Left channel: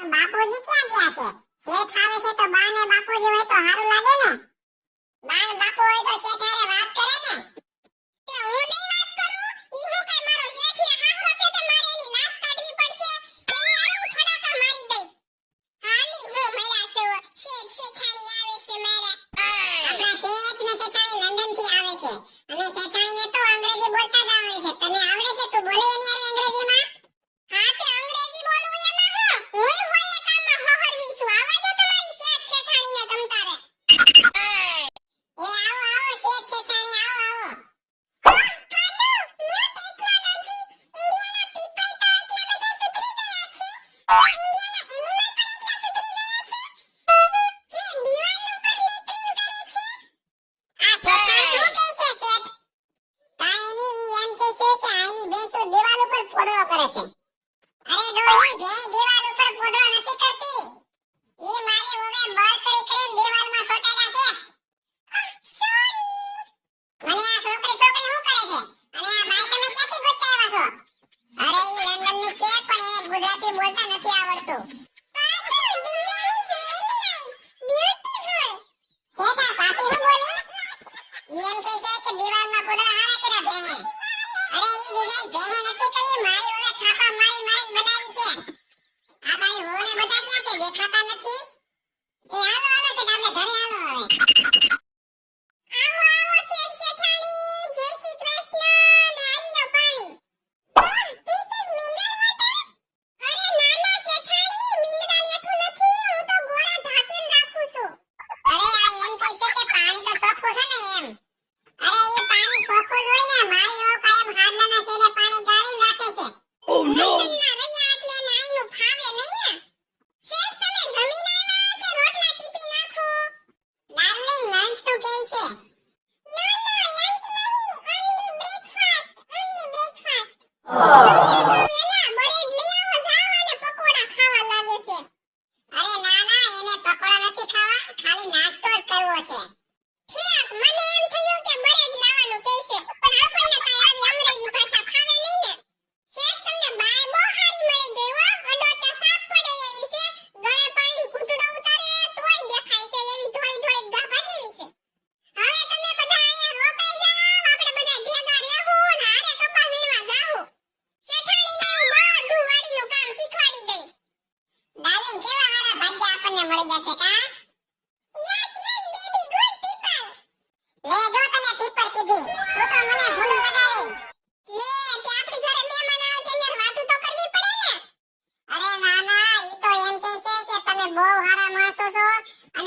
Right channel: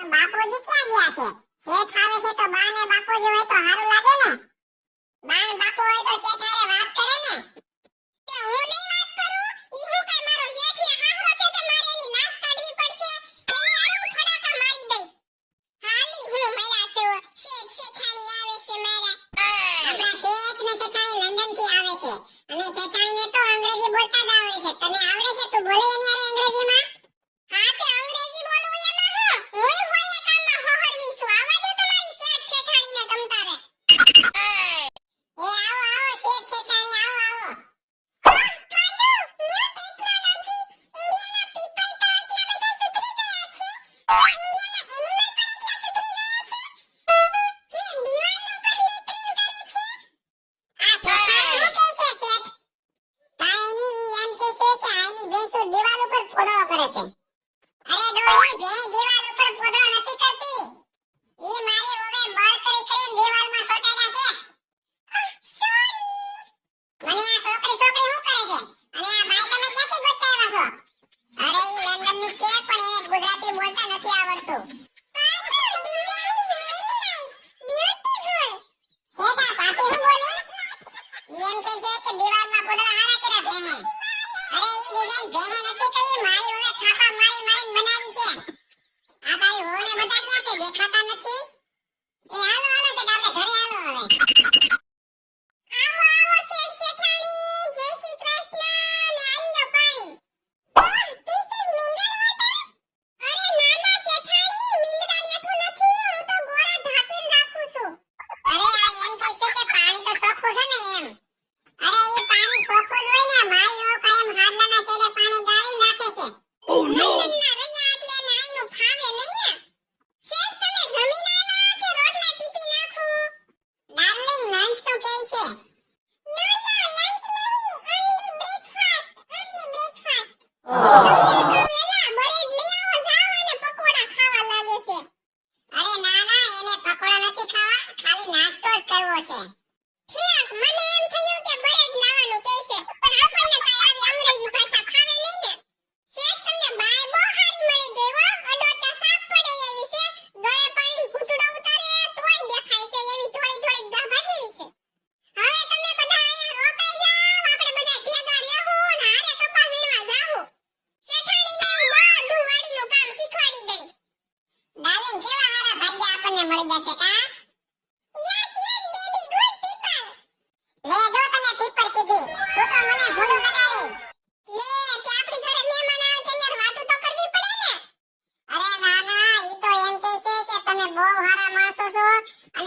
પણ બાપુજી ક્યાં ગયા છે? શેઠ આવે છે તો બા ને બાપુજી હોય તો સારું લાગે ને? બા ને બાપુ હોય તો શેઠ વાત medicine.